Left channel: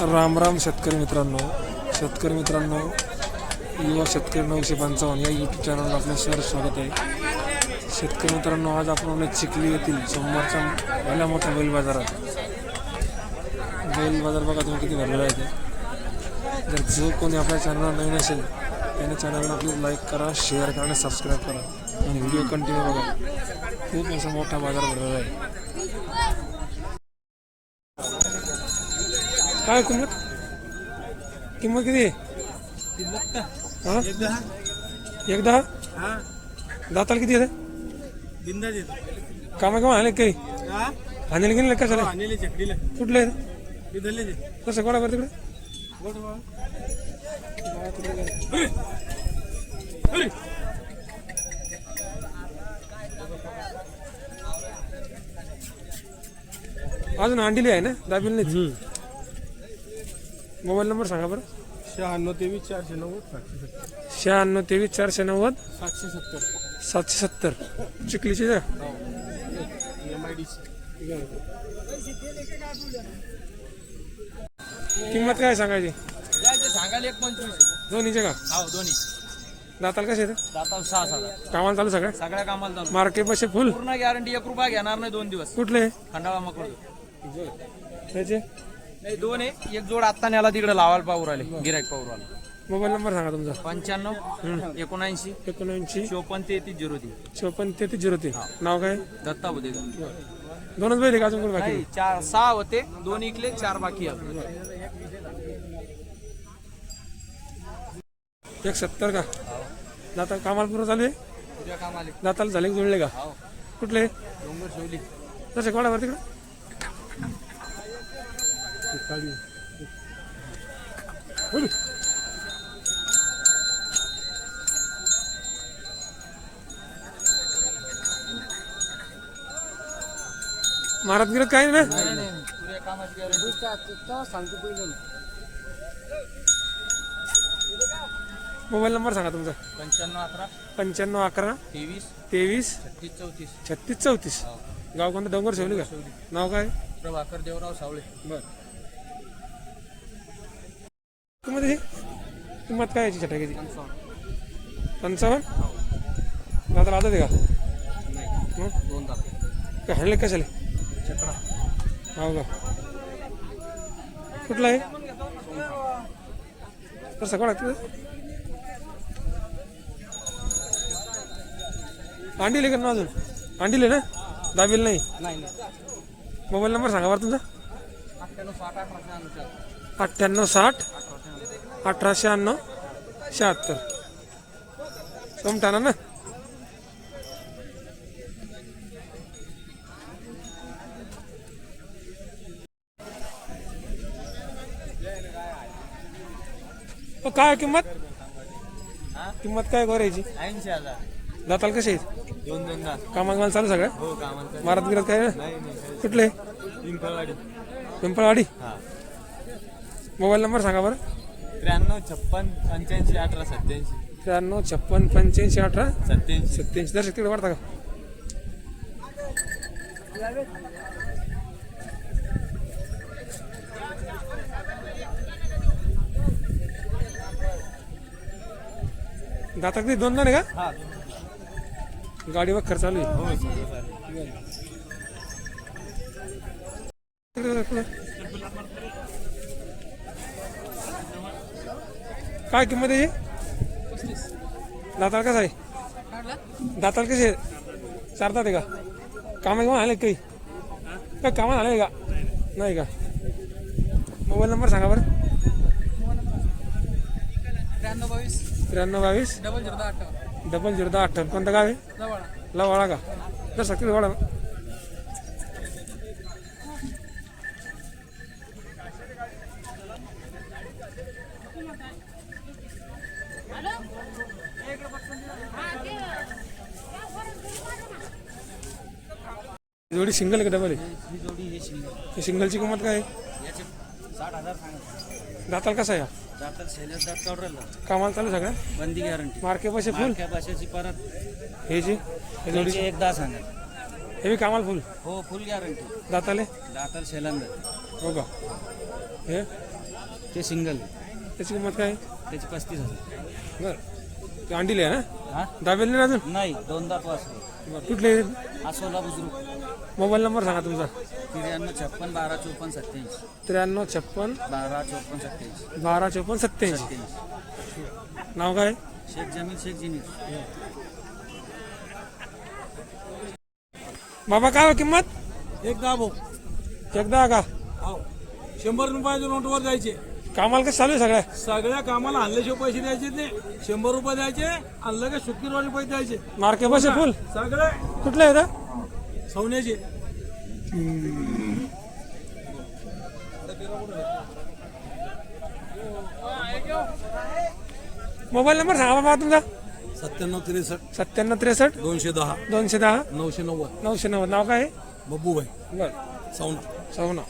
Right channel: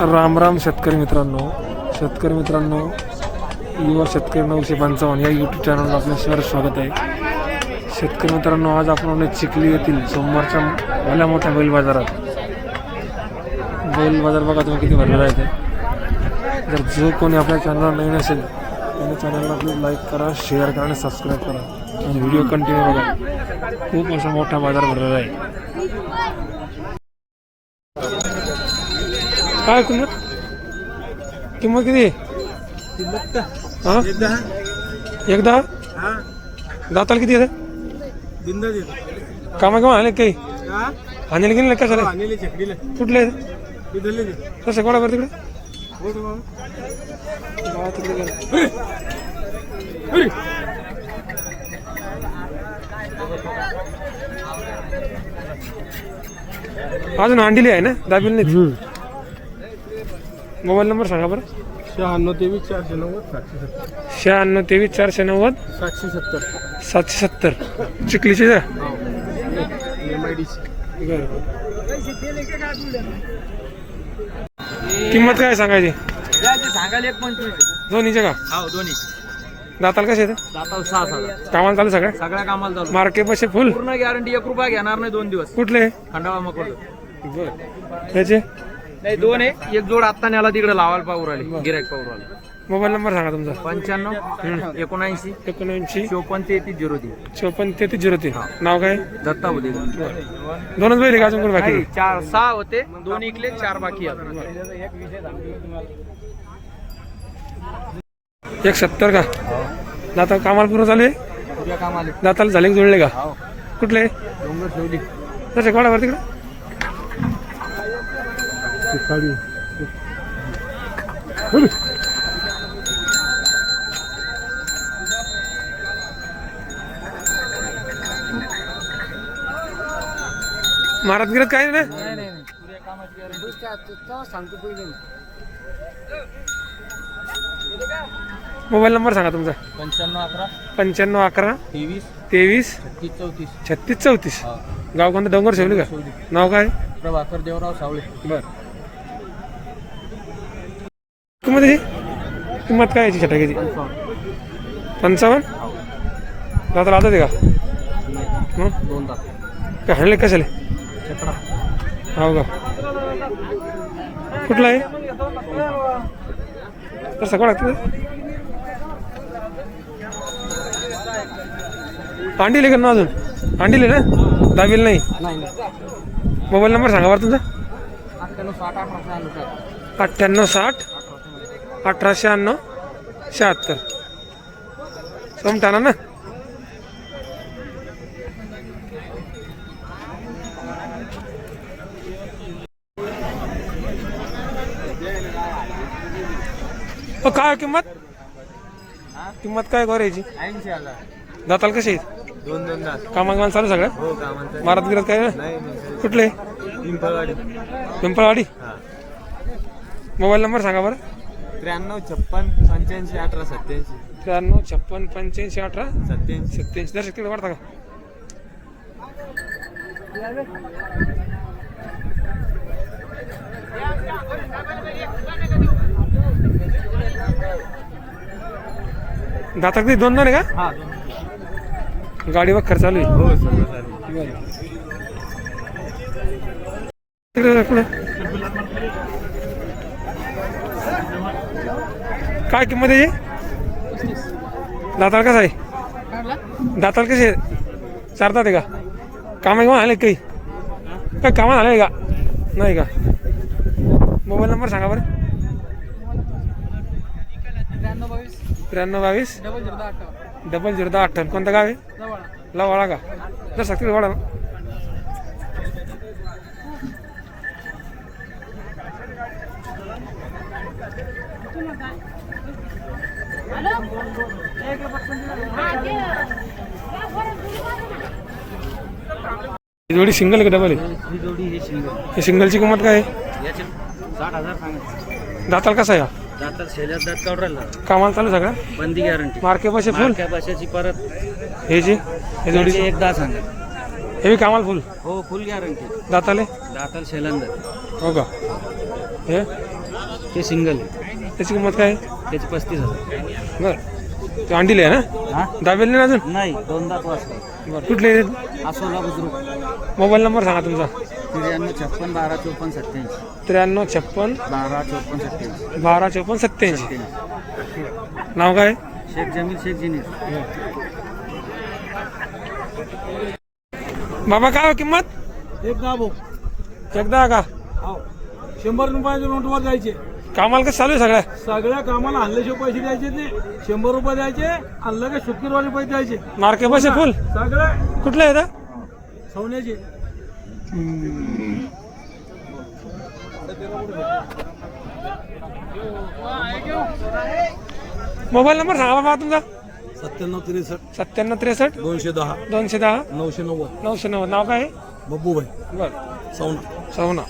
राम राम शेतकरी मित्रांनो, युवा शेतकरी 955 या यूट्यूब चॅनलला आपलं सर स्वागत आहे. शेतकरी मित्रांनो, आज आपण चिखली येथील सोमवारच्या भल्या मोठ्या बैल बाजार बघा तुम्ही किती भरलेला आहे ते. जर जो कोणी आपल्या चॅनलला नवीन असेल त्याने चॅनलला आपलं लाईक करा, शेअर करा आणि सबस्क्राईब करा आणि व्हिडिओ कंटिन्यू बघा. खूप असा मोठा बाजार भरलेला आहे. काय किंमत किती? हां एकदा दाताला किती येते? कामा आले काही आणले गेले कशाला कुठले कसं कोणा बरं तिकडे अजून अंडीली आहे ना, दाबील नाही. मोबाईल नंबर सांगा बरं. 9623 770 चिखलीचे जा. किंमत काय सांगायची? सांगायला 1.25 दोन्हीचे का? दोन्ही दाताल कसे येते? दाताला 6,000 कामाला चालू सगळ्या कामाला चालू. मार्केट पैसे फुल पूर्ण गॅरंटी 1 रुपया घेणार नाही 2 दिवस. कुठले खंडाळा मकोड त्याचे? नाही 2 आहे. एक जोड आता न्याला तिकडे लावायला पाहू राहिले गिरायक पाहू राहिले. मोबाईल नंबर सांगा तुमचा. 95 79 59 54 33 03. नाव काय? दत्ता होते. दोनच बैल का अजून कोण बाकी? 6 होते, 2 इकले, 4 बाकी आहेत. 170 का? दाता कामाला पूर्ण चालू आहे? तुझ्या कामाले दाताला झाले की जुळले का? कुठले? डोंगर ठेवली. तसे कोणावर तिकडे? महाराज गिरत काय ना? मोबाईल नंबर सांगा तुमचा. 95 11 23 23 36 34. गाव कोणतं? डोंगर शेवली का? नाव काय? प्रभाकर देवराव सावळे. बर. किंमत काय याची छटाक्याची? 55. दादा आता ते का? मग 2 दात काय हाणले कशाले? चकडा. हो का? कुठला आहे? तर सकाळ लागते. अंडीले का ना अजून? अंडीले ना, दाबील नाही. मोबाईल नंबर सांगा बरं तुमचा. 98 60 1896 76. समटाना ना. काय किंमत काय करायची? 80,000. दाताल कसे आहेत? 2 दात. कामाला चालू सगळं? हो कामाला. मारत गिरत काय? कुठले? पिंपळवाडी. मोबाईल नंबर सांगा बरं. 93 56 85 18 87. 93 56 85 18 87. 87. दर्शक तिकडे वाढता का? दाता किती? 2 आहे का? हा गाडीवर खर्च चालू आहे. काय किंमत आहे? दाताल कसा आहे? दाताल कसे? 4 दात आहे का? कामा आले काही? काय कामा आले का? नाही का? मोबाईल नंबर सांगा बरं. 93 22 0058. कोणतं गाव आहे? लवाळा का? जर सक्ती वाडा. जोडी सिंगल आहे का डबल आहे? ही सिंगलची किंमत काय आहे? 60,000 सांगा. दाताल कसा आहे? दातात शेल्यात दात काढला. कामाला चालू सगळं? बंदी गॅरंटी. मार्के पैसे फुल? त्या भाषेची परत हे जी हे जोडीची एकदा सांगा. हे बी कामाला फुल? हो फुल गॅरंटी. दाताले? दाताल शेलांदा. हो का? हे ते सिंगल त्याची किंमत काय आहे? त्याचे 35,000. बरं ते अंडीले आहे ना? हा दाबेल नाही ना अजून? नाही, दोनदा पास. बरं कुठले आसोला बुजुर्ग. मोबाईल नंबर सांगा तुमचा. 93 56 12 54 87. 93 56 12 54 87. 12 54 87. नाव काय? शेख जमील शेख जिनीर. बाबा काय हो किंमत? एकदा भाऊ एकदा का 100 रुपयाच्या नोटवर द्यायचे. कामाला कसं चालू आहे सगळ्या? सगळ्या कामाला आणल्याशिवाय पैसे द्यायचे नाही. 100 रुपये द्यायचे, आणलं का शुक्रवारी पैसे द्यायचे. मार्के पैसे फुल सगळं कुठले आहे सोन्याचे. मोबाईल नंबर सांगा बाबा तुमचा. 97 97 63 210 210 990. 990. नाव काय आहे? बब्बूभाई बरं साऊंड. सवना.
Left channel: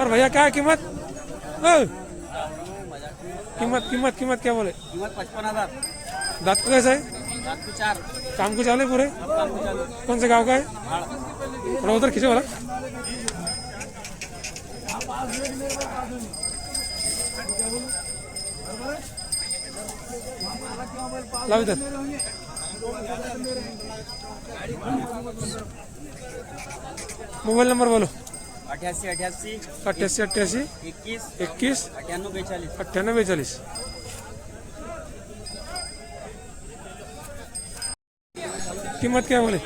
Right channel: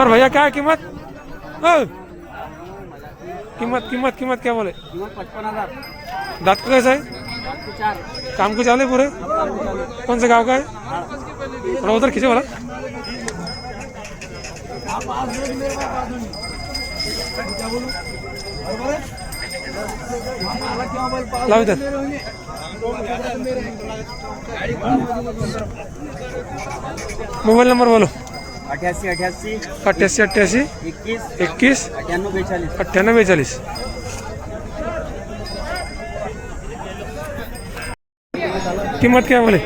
और भैया क्या है कीमत? कीमत कीमत कीमत क्या बोले? कीमत 55,000. दांत का कैसा है? 4 काम को चाले पूरे? कौन से गांव का है? थोड़ा उधर खींचो वाला. लाओ इधर. मोबाइल नंबर बोलो. 88 88 88 88 21 21 98 42. 98 42. कीमत क्या बोले?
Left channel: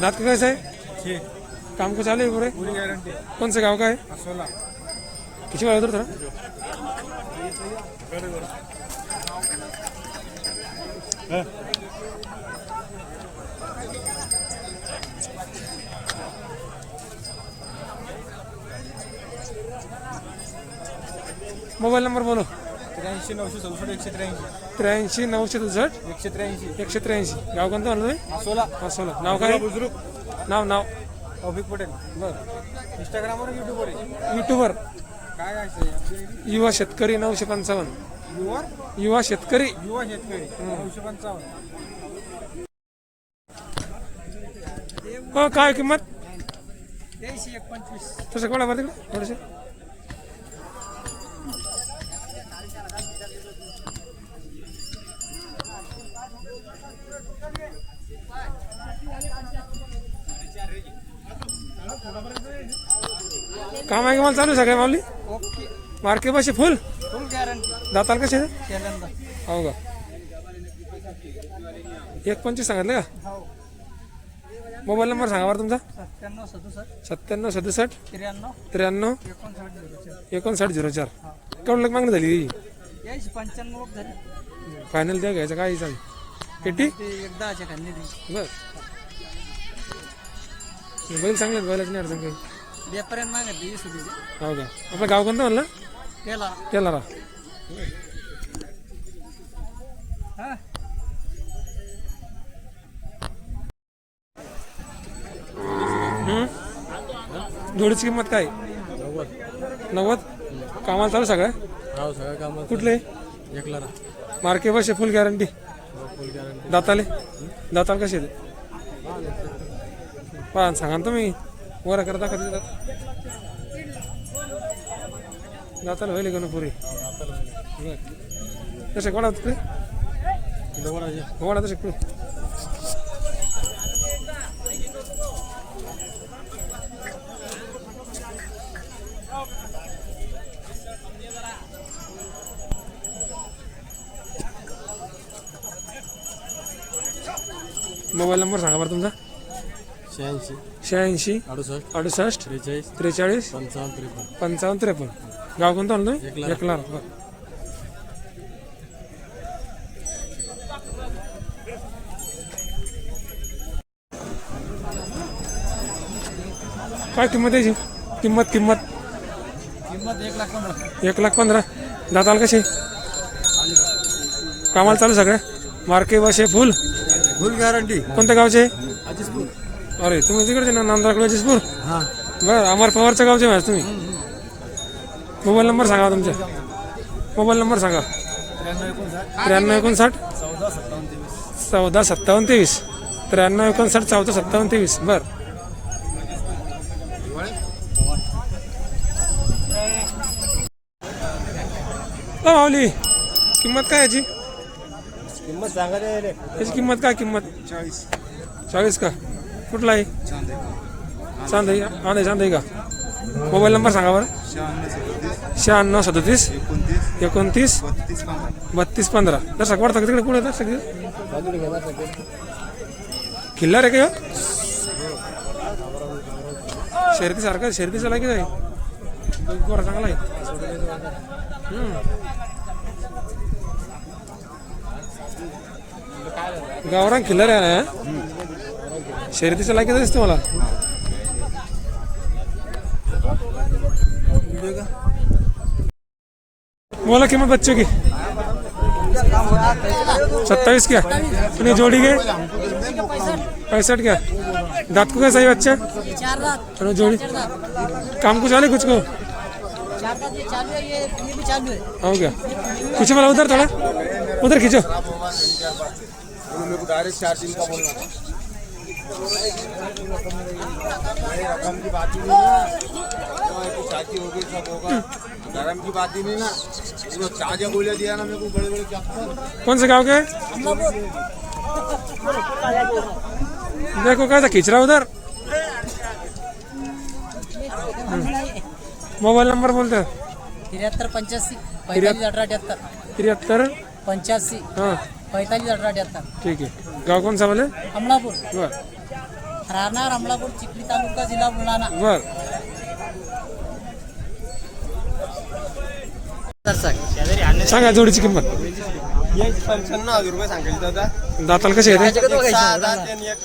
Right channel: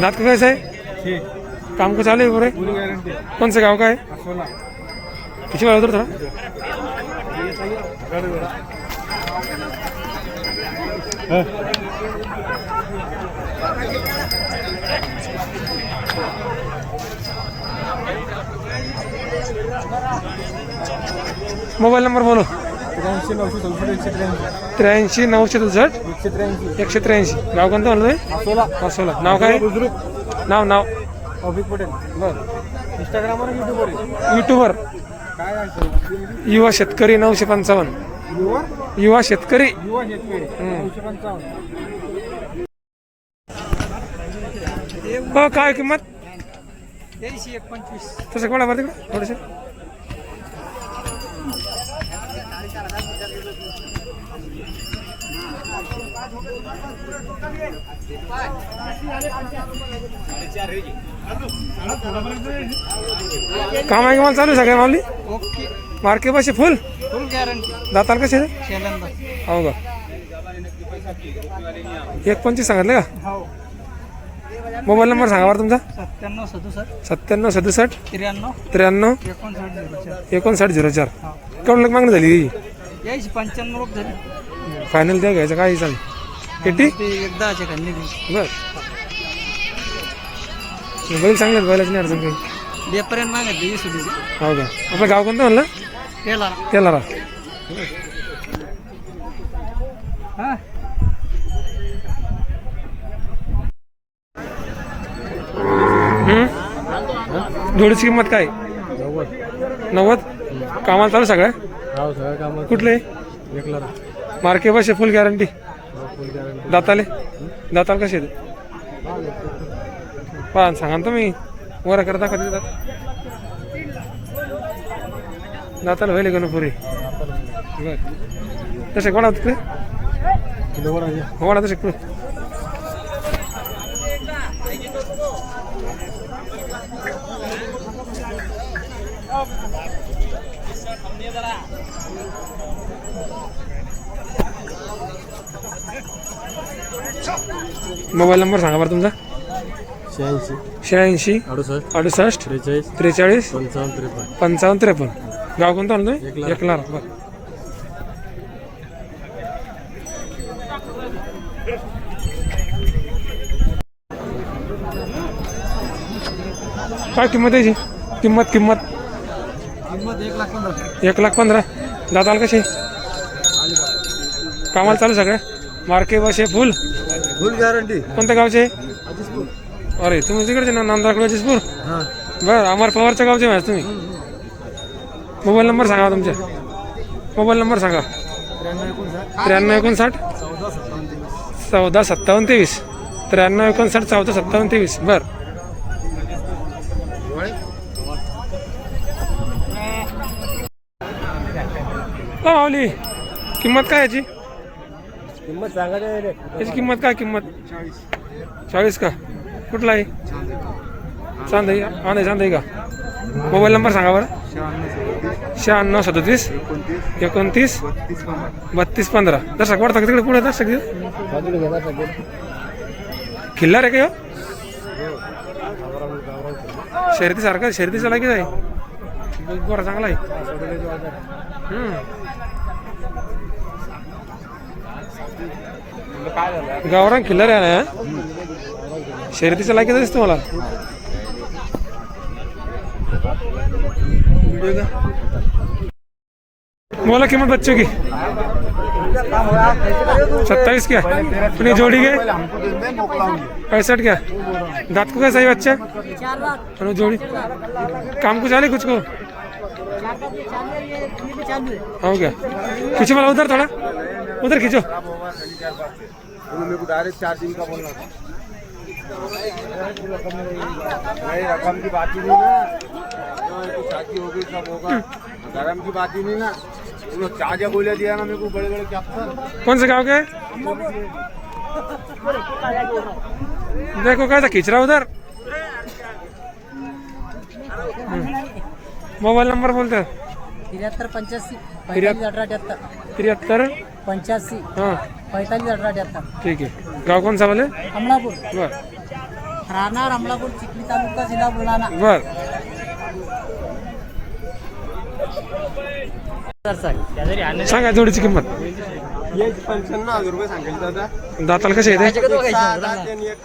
दांत का कैसा है? काम को चालू है पूरे? पूरी गारंटी. कौन से गांव का है? आसोला. पीछे वाला उधर थोड़ा. मोबाइल नंबर बोलो. 83 964 83 963 183. 183. गाव कोणतं म्हणलं? आसोला. असोला. नाव काय? बुजुर्ग नाव नाव ऑफिस पटेल. बरं. इंस्टाग्रामवर युट्यूबवर आहे. युट्यूबर काय आहे? युवा शेतकरी 955. युवा युवा शेतकरी. युवा शेतकरी 955. हो काय किंमत? 83 125. तसं कोणा बरं तिकडे थोडेसे. काम आहे की मला चालू आहे सगळ्या माऊली? ओके. मार्के पैसे फुल फुल गॅरंटी. दाताल कसे? शेलंदा. हो का 1.25 सांगितलं का? हो. मोबाईल नंबर सांगा बरं तुमचा. 97 67 97 67 93 93 59 04. 5904. केवढं लोक मागणी झाली? यायची 95 लोक झाले. फायनल द्या घ्यायचं काही चालेल. किती? ते एकदाचे खाल्ली गेली. बर बैल चांगले आहेत, बैलाची नाही अडचण काही. बेपर्यंत मागत 20 रुपये. हो का आपलं गाव कोणतं म्हणलं? केला. केला राव. हा. जोडीची किंमत काय? 90. कामाला चालू सगळ्या? हो सगळं काम. कुठले? एकला. मार्के पैसे फुल गॅरंटी. फुल गॅरंटी. दाताले दाताल कसे आहेत? पहा सांगा ना तुम्ही वर करता कधी दाताला व्हायला का पुरी? बर तसे कोणा तिकडे होणार तसे पुढे. मोबाईल नंबर सांगा बरं तुमचा. 86 68 43 55 53. गाव कोणतं म्हणतोय? एकला. बरं काय किंमत यायची? किंमत किंमत 1,15,000. दाताला कसे? कामाला चालू सगळं? मार्के बसे फुल गॅरंटी. कोणत्या गावचे? अरे तुम्ही तिकडचे ना नांदराकडे अजिसपूर. बरं अमर पवारच्या गावचे माहिती तुम्ही. मोबाईल नंबर सांगा तुमचा. मोबाईल नंबर सांगा. 93 59 14 57 23 93 59 14 57 23 बर. माऊली किंमत काय याची? किंमत सांगा याची किंमत काय? किंमत 40 का? कुठला आहे? चांदई चांदई का? मोबाईल नंबर सांगा बरं. 96 37 29 32 15. दर्शक वाढता का तिकडे? पुढे दर्शक खिल्लार आहे का? शर्यती सारखा शर्यतीचा लागी आहे बरं, चांगला आहे. गावरान खिल्लार आहे ना, शर्यतीचा लागी दिसतो मला. मोला किंमत बच्चों की 27 क्या? अपनी जोड़ी के 65 क्या? दांत को कैसा है बच्चा? अपनी जोड़ी काम को चाले कुछ को हो गया. खींचो मला उधर, थोड़ा उधर खींचो. रकम की बात ही नहीं है, शादी हो गई सब होगा, धर्म की बात ही नहीं ना. वो चाचा बोले दिया ना मेरे को बड़े बड़े क्या. कौन से गाँव के? देखो कैसा खींच रहा उधर. मोबाइल नंबर बोलते हैं. 73 85 45 18 78 73 85 हाँ 45 18 78. ठीक है. गाँव कौन सा बोले? अमलापूर, बर राहणार अमलापूर, चिखली तालुका, जिल्हा बुलढाणा. बर. सांगा जोडीची किंमत. 95,000 रुपये सांगायचे दादा. दाताल कसे आहे? 6 दात आणि एक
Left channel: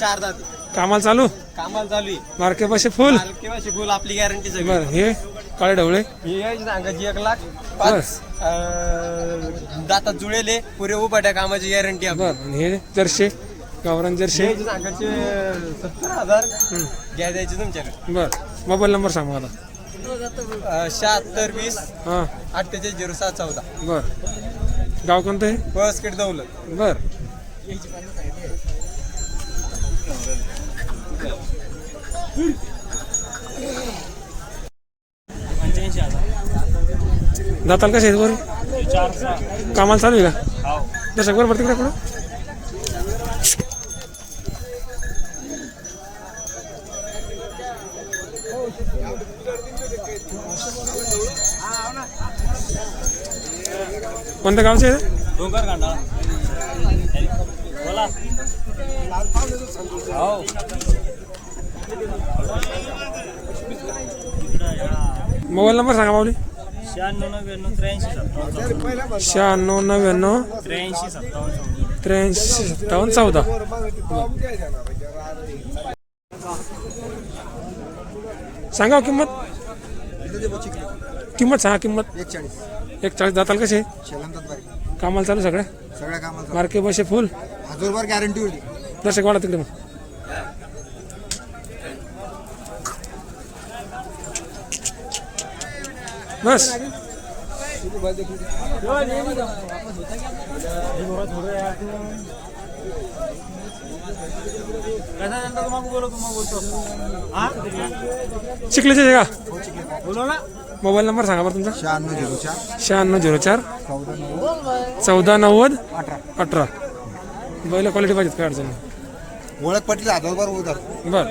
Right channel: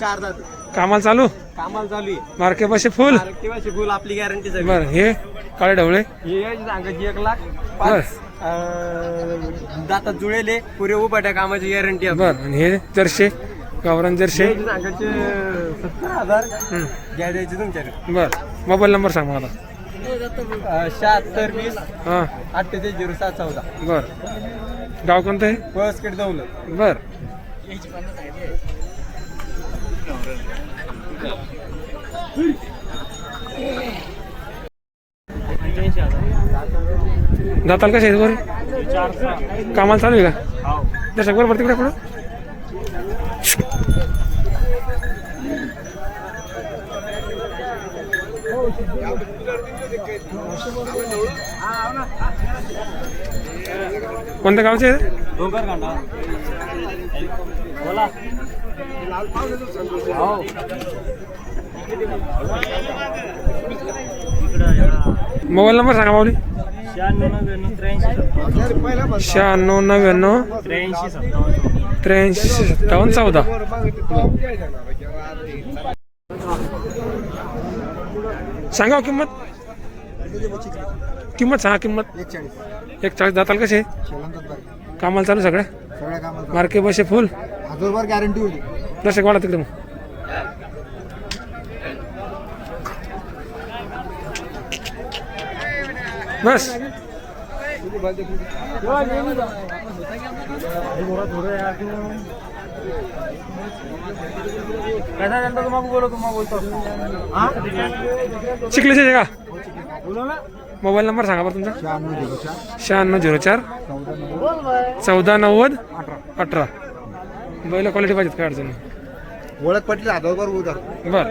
4 दात. कामाला चालू? कामाला चालू आहे. मार्के पाशी फुल. किंवा शिकवून आपली गॅरंटी सगळी. बर. हे काळे ढवळे हे सांगायची 1 लाख. बस. दातात जुळेले पुरे उभाट्या कामाची गॅरंटी. बर. आणि हे जर्शी गावरान जर्शी सांगायचे 70,000 घ्या द्यायची तुमच्याकडे. बर. मोबाईल नंबर सांग मला. 76 20 हां 48 07 14. बर. गाव कोणतं आहे? पळसखेड दौलत. बर. दाताल कसे आहेत? बरं कामाला चालू आहे का? दर्शक बरोबर तिकडे कुठं कोणत्या गावचे आहे? मोबाईल नंबर सांगा माऊली. 96 99 83 57 14. सांगा किंमत. किंमत सांगा. किंमत 140. दाताल कसे? कामाला चालू सगळ्या कामाला मार्के बसे फुल. 1000 रुपये गॅरंटी होती. दर्शक वाढा तिकडे मग. बस. चिखलीचे का? मोबाईल नंबर सांगा बरं तुमचा. 9604 14 90 18. बैल क्वालिटी पाहिजेत काय अडचण नाही. ओळख पटली 1000 रुपये उधार. बरं.